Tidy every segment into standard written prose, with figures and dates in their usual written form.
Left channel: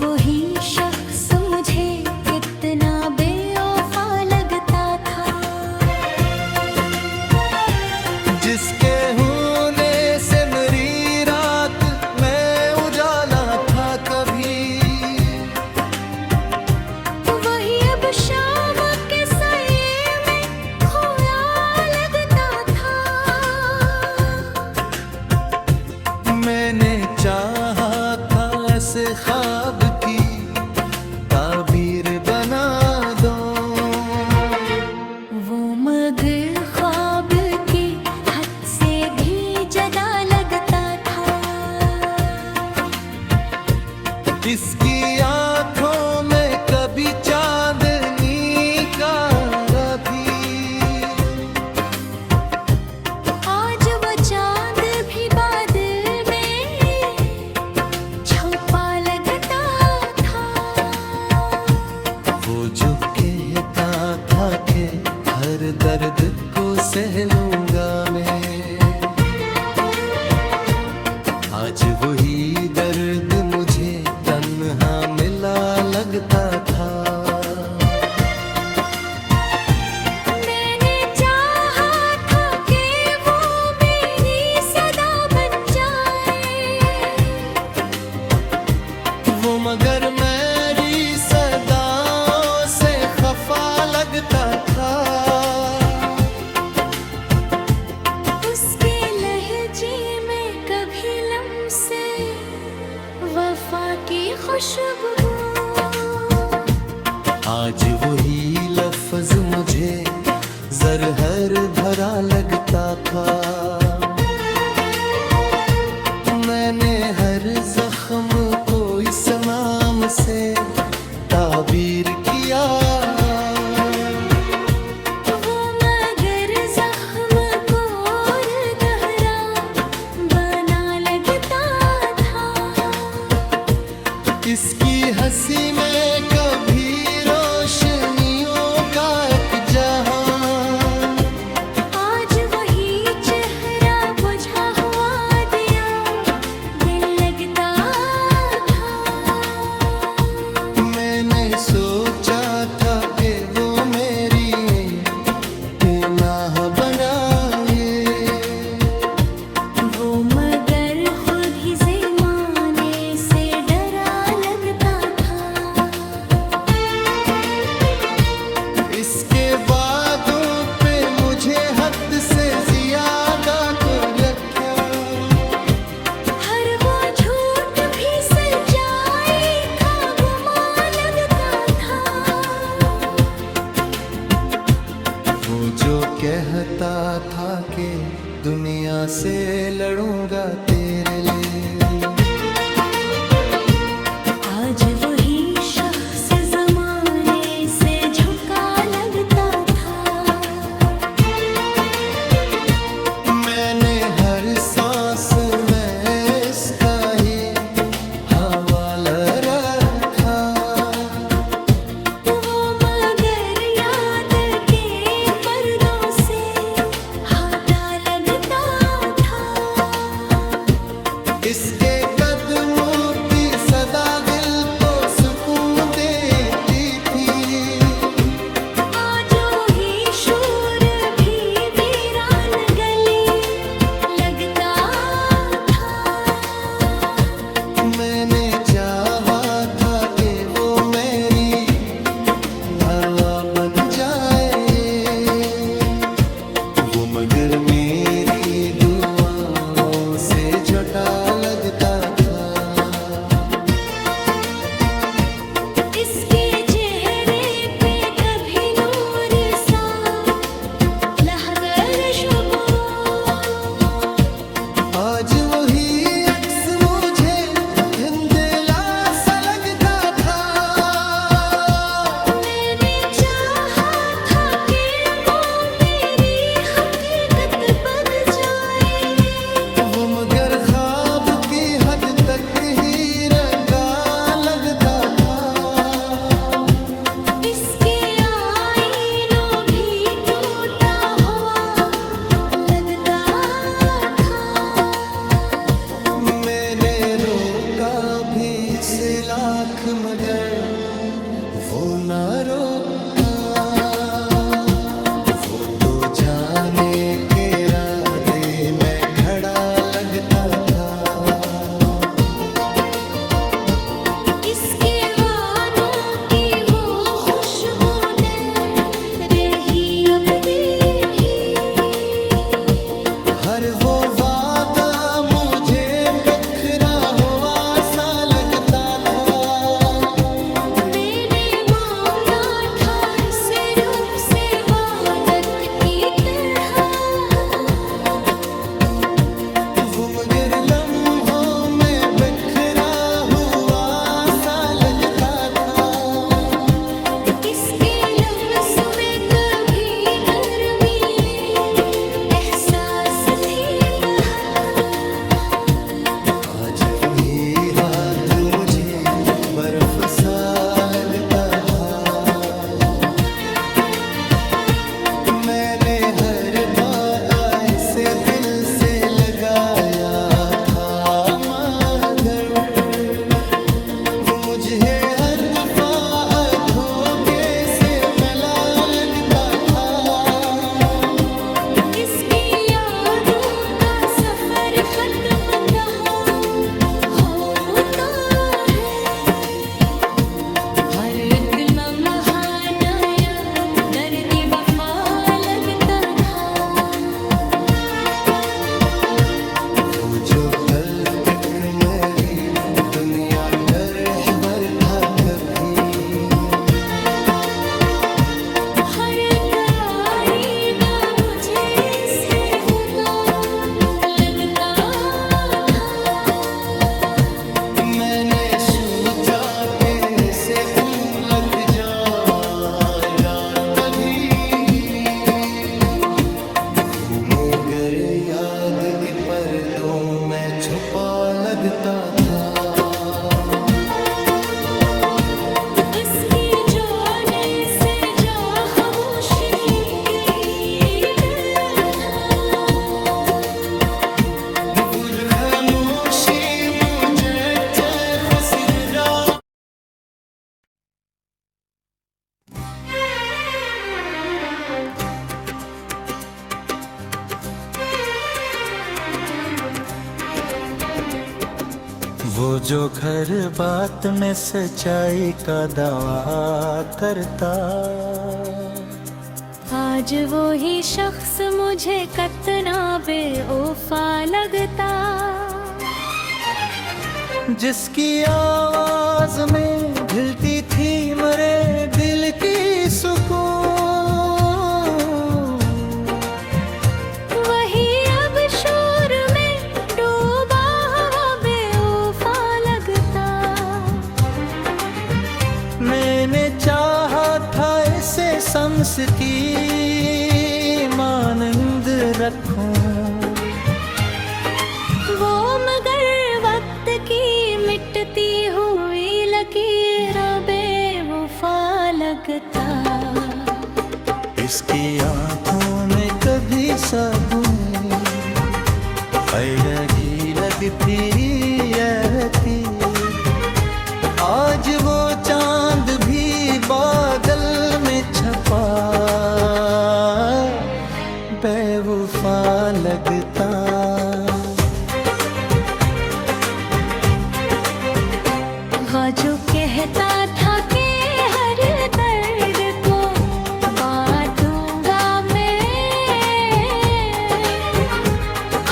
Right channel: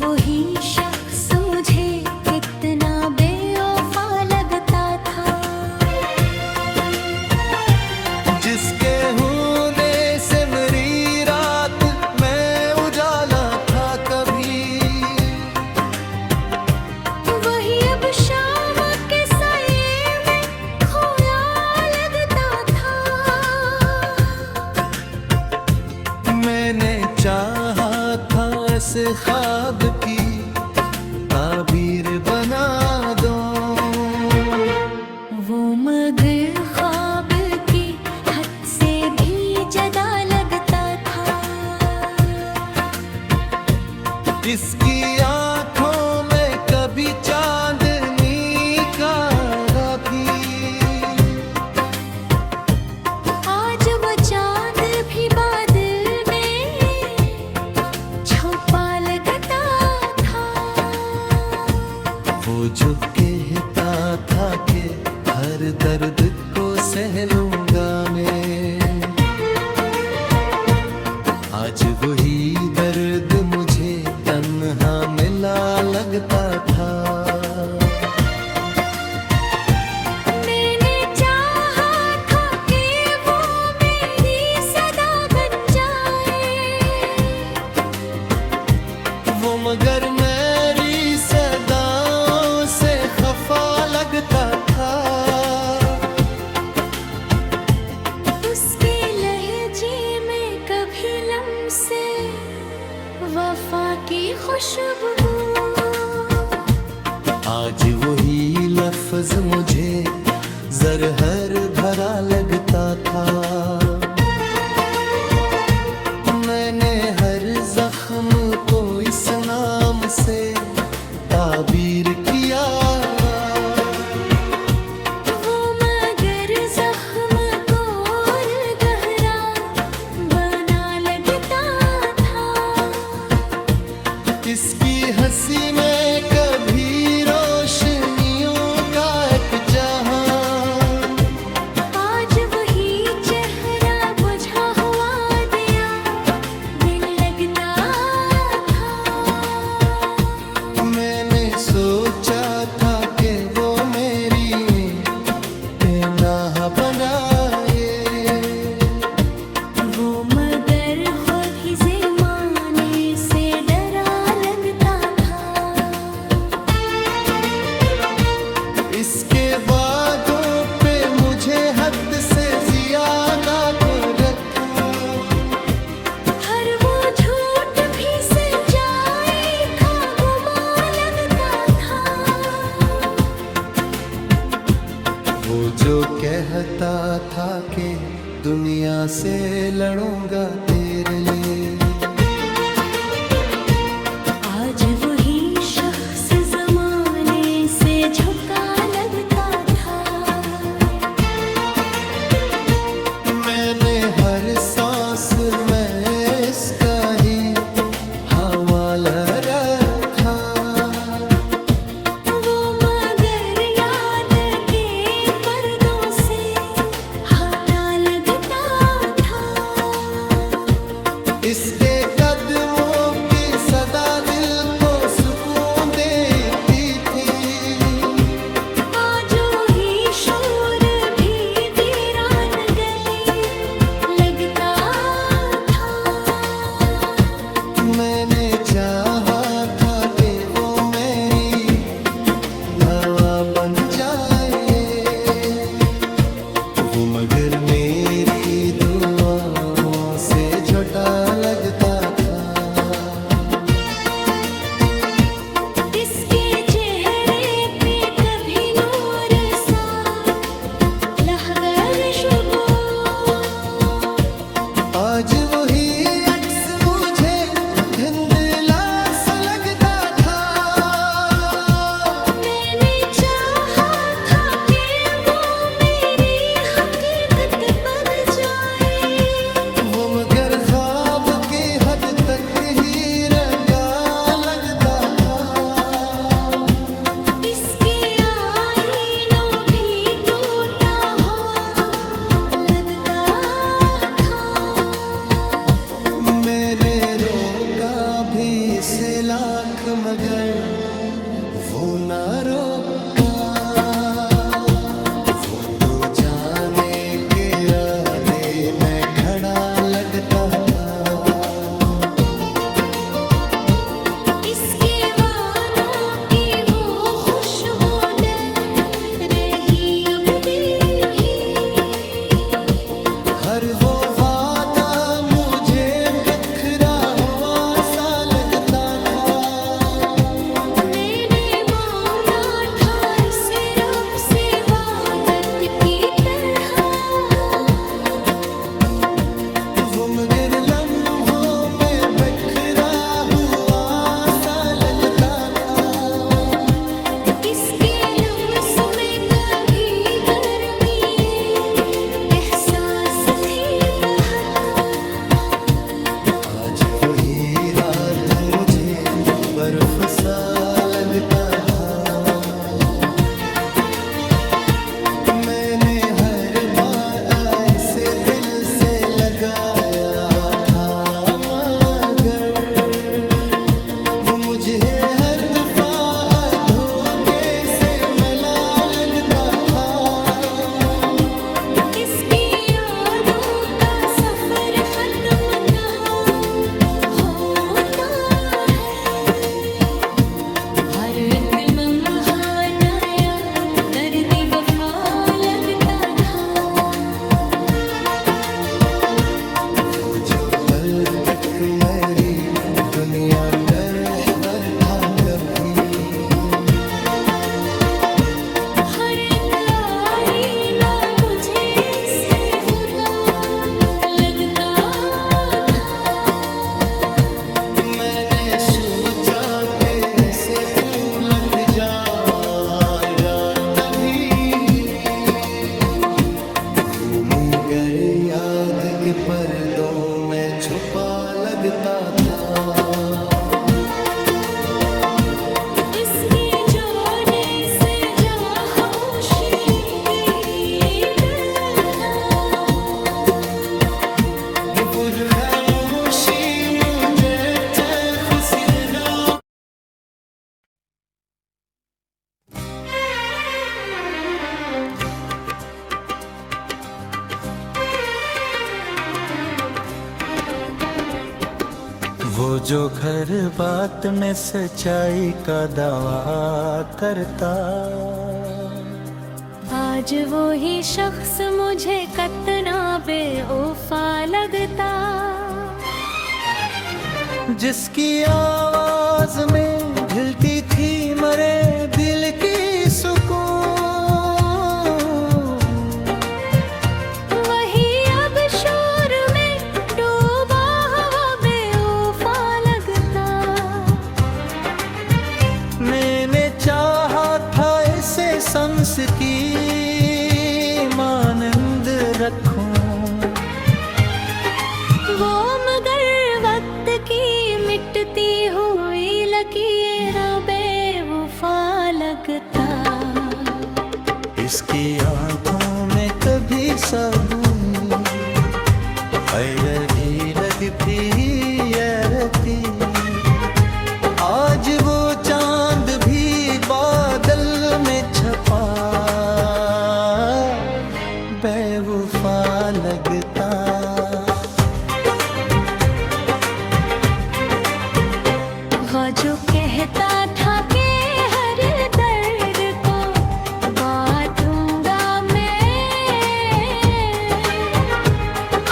वही शख्स मुझे कितना बेवफा लगता था, जिसके होने से मेरी रात में उजाला था कभी। वही अब शाम के साये में खोया लगता था। मैंने चाहा था ऐसे ख्वाब की ताबीर बना दो, वो मगर ख्वाब की हद से भी ज्यादा लगता था। इसकी आंखों में कभी चांदनी का भी, आज वो चांद भी बादल में छुपा लगता था। वो जो कहता था कि हर दर्द को सह लूंगा मैं, आज वही दर्द मुझे तन्हा मिला लगता था। मैंने चाहा था कि वो मेरी सदा बन जाए, वो मगर मेरी सदाओं से खफा लगता था। उसके लहजे में कभी लम्से वफा की खुशबू, आज वही लफ्ज मुझे ज़रहर भरा लगता था। मैंने हर जख्म को इस नाम से ताबीर किया, वो मगर जख्म को और गहरा बना लगता था। इसकी हंसी में कभी रोशनियों का एक जहां, आज वही चेहरा बुझा हुआ दिया दिल लगता था। मैंने सोचा था कि वो मेरी बेनाह बनाए, वो मगर खुद ही ज़माने से डरा लगता था। इसके वादों पे मुझे हद से ज्यादा को रखा, हर वो झूठ भी सच्चाई था गुमा लगता था। वो जो कहता था कि दुनिया से लड़ूंगा तेरे लिए, आज वही शख्स ज़माने से झुका लगता था। मैंने हर सांस में इसका ही हवाला रखा, वो मगर याद के पर्दों से हटा लगता था। इसके कदमों की सदा दिल को सुकून देती थी। आज ही शोर भी वीरान गली लगता था। मैंने चाहा था कि वो मेरी घरवा बन जाए, वो मगर मेरी दुआओं से झोटा लगता था। इसके चेहरे पे कभी नूर सा लहगर शुबो, आज वही अक्स मुझे धुंधला सा लगता था। मैंने चाहा था कि वो मेरी हकीकत बन जाए, वो मगर ख्वाब की हद तक लाख मगर वो ना रोका। वो तो जाने के राधे में खड़ा लगता था। इसके वालों की वो खुशबू ने रही अब भी यही। हर वो वादा मुझे बिखरा हुआ सा लगता था। मैंने मांगा था सिर्फ से वादत की तरह। वो मगर लम्हों में बिखरा हुआ सा लगता था। इसके लफ्ज़ में कभी गर्मी एहसास थी बहता। आज वही रात मुझे बर्फ सा लगता था। मैंने हर बार ऐसे दिल से लगाया था मगर वो मुझे हर दफा धोखे से मिला लगता था। इसकी यादों का सफर खत्म कहाँ होता है। हर एक लम्हा नया दर्द वफा लगता था। वो जो कल तक मेरी दुनिया का रहबर था कभी। हर एक आईना मुझे से खुदा लगता था। मैंने सोचा कैसे भूलक जाया तभी। वो मगर याद के पर्दों में छुपा लगता था। इसके जाने से जा खामोशी अपनी दिल था। वो खामोशी मुझे खुसरा। वो जो घर बात में सच्चाई का दावा करता। आज वो ही शख्स मुझे कितना बेवफा लगता। जिसकी आवाज में ढलती थी मरे दिल की सुकून। वही अब शोर में डूबा हुआ बेवफा लगता। मैंने चाहा था इसे सांस की मानंद रखूं। वो मगर वक्त की मिटती हुई लकीरों बेवफा लगता। इसकी आंखों में कभी साबुन लगी लगती रहती। आज वो चांद भी बादल में छपा बेवफा लगता। वो जो कहता था कि हर दर्द को बांटूंगा मैं।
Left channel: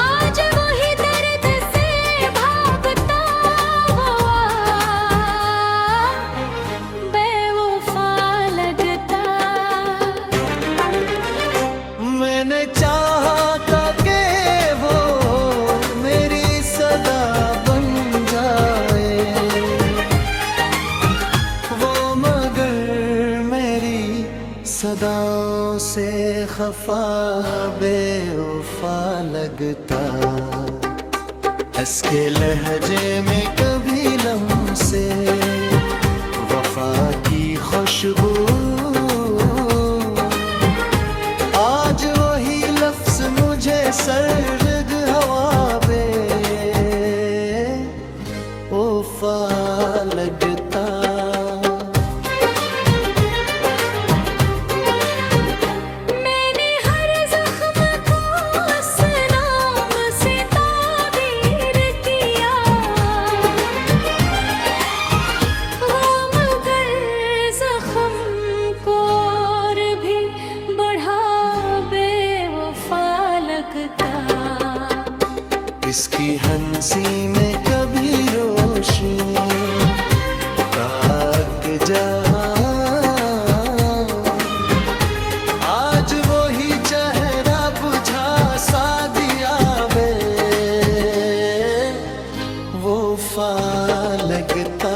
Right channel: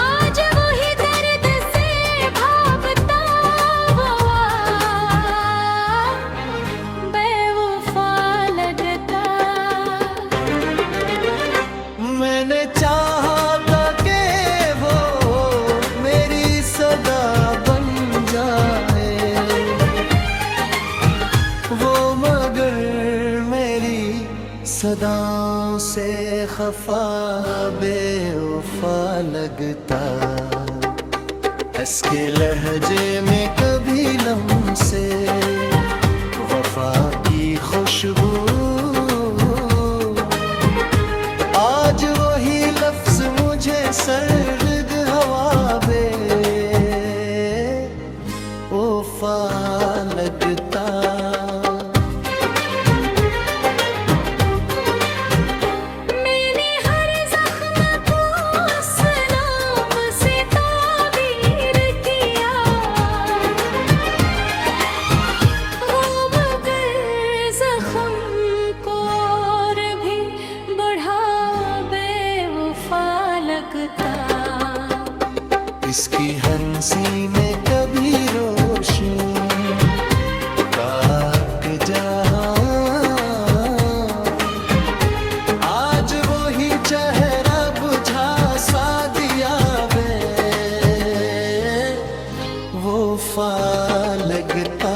आज वही दर्द से भागता हुआ बेवफा लगता। मैंने चाहा था कि वो मेरी सदा बन जाए। वो मगर मेरी सदाओं से खफा बेवफा लगता। इसके लहजे में कभी लम्से वफा की खुशबू। आज वही लफ्ज मुझे सर्द हवा बे वफा लगता। मैंने हर जख्म को उस नाम से ताबीर किया, वो मगर जख्म को और भी बढ़ा बेवफा लगता। इसकी हंसी में कभी रोशनी ताक जहां, आज वो ही चेहरा बुझा सा दिया बे वो फा लगता।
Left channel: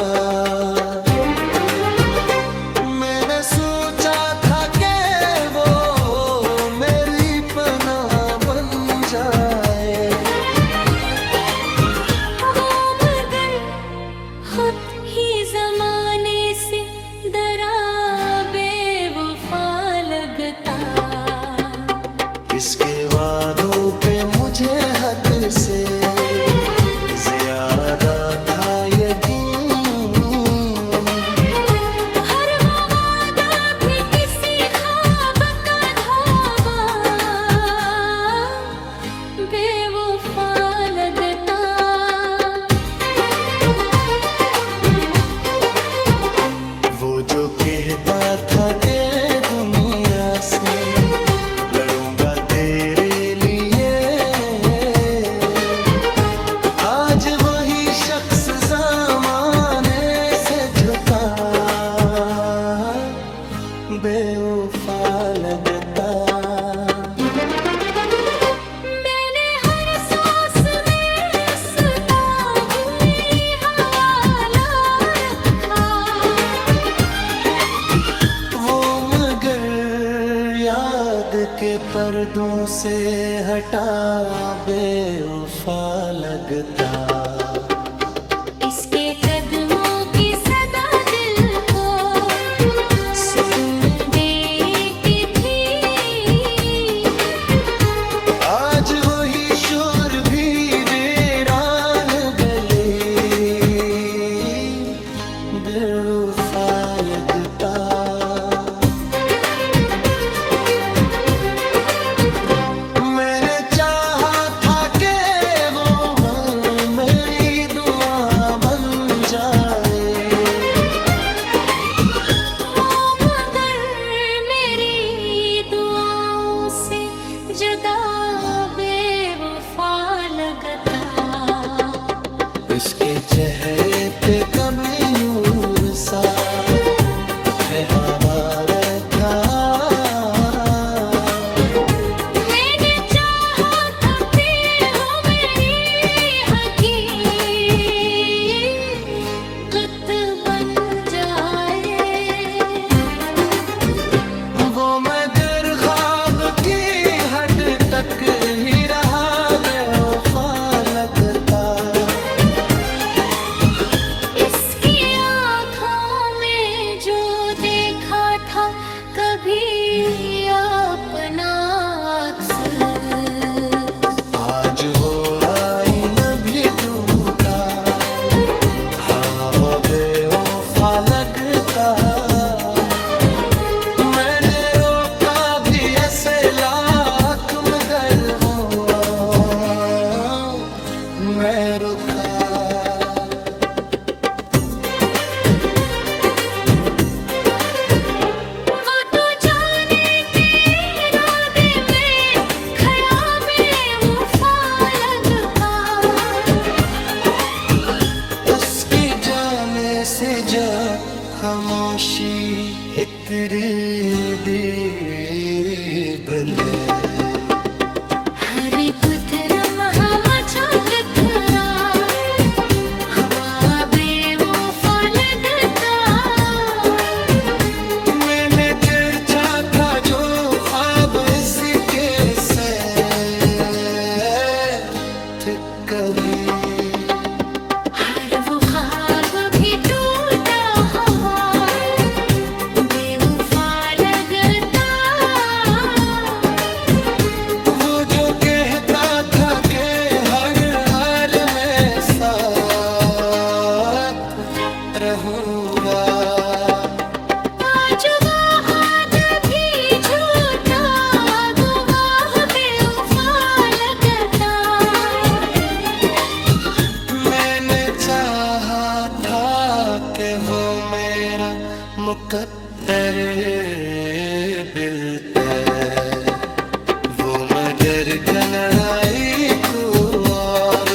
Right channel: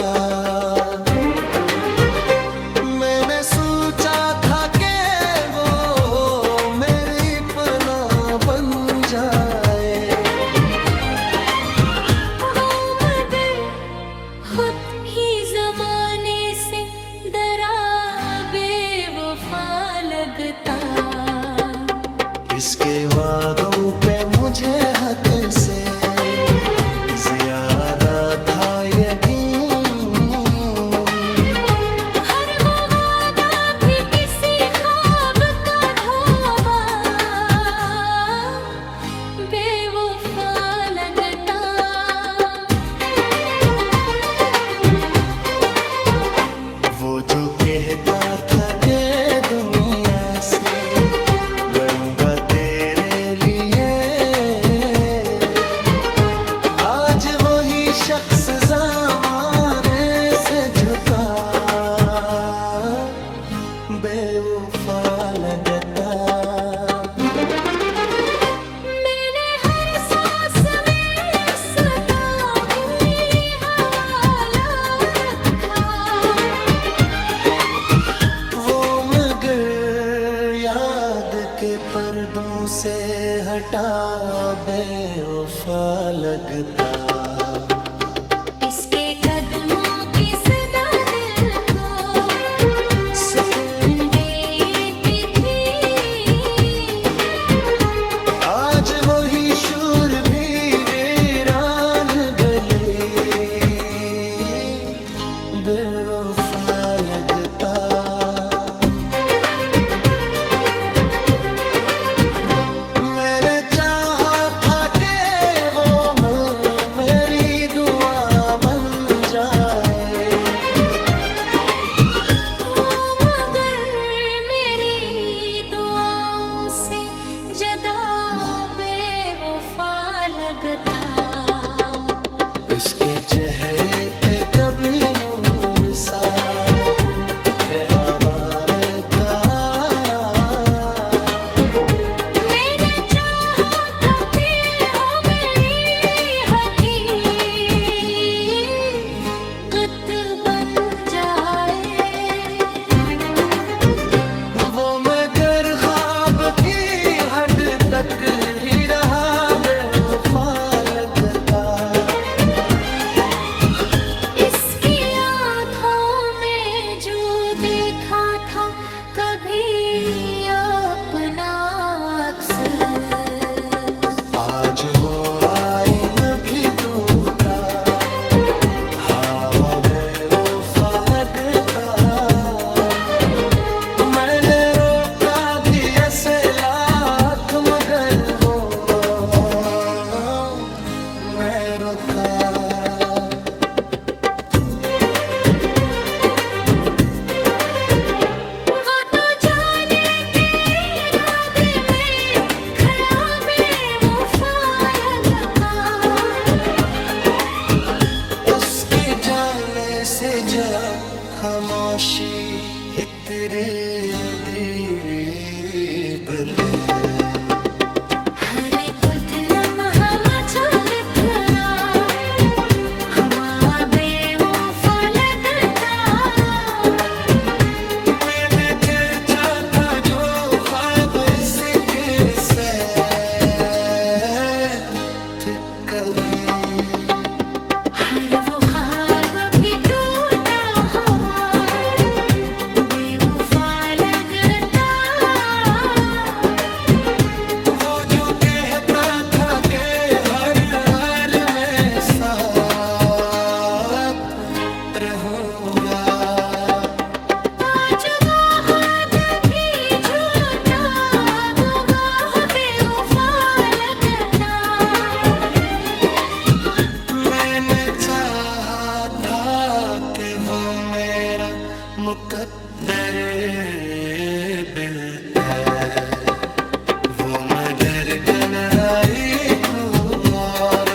मैंने सोचा था कि वो मेरी पनाह बन जाए, खुद ही जमाने से डरा बेवफा लगता। इसके वादों पे मुझे हद से ज्यादा था यकीन, हर वो वादा भी किसी ख्वाब का धोबा बेवफा लगता। वो जो कहता था कि दुनिया से लड़ूंगा तेरे लिए, आज वही शख्स ज़माने से झुका बेवफा लगता। मैंने हर सांस में उसका भी हवाला रखा, वो मगर याद के पर्दों से हटा बेवफा लगता। इसके कदमों की सदा दिल को सुकून देती थी, आज वही शोर भी वीरान गली बेवफा लगता। मैंने चाहा था कि वो मेरी दुआ बन जाए, वो मगर मेरी दुआओं से जदा बेवफा लगता। इसके चेहरे पे कभी नूर सा हवा का, मैंने चाहा था फिर हो मेरी हकीकत बन जाए, वो मगर ख्वाब की हद तक ही रहा बेवफा लगता। इसकी आँखों में जो देखा था कभी अपना अक्स, आज वो आईना भी टूटा हवा बेवफा लगता। मैंने रोका भी ऐसे लाख मगर वो मैं रुका। वो तो जाने के इरादे में खड़ा बेवफा लगता। इसकी जाने से जा खामोशी इतरी दी गले, हर पुतरम हम झकरा हुआ बेवफा लगता। मैंने चर्चा था जो ख्वाब इसके साथ कभी, हर वो ख्वाब भी टूटा हुआ बेवफा लगता। वो जो कहता था कि हर हाल में साथ रहूं लूंगा। आज वाद भी झूठा, गवाह बेवफा लगता। मैंने चाहा था कि वो मेरा मुकद्दर बिलते, वो मगर कनराई को और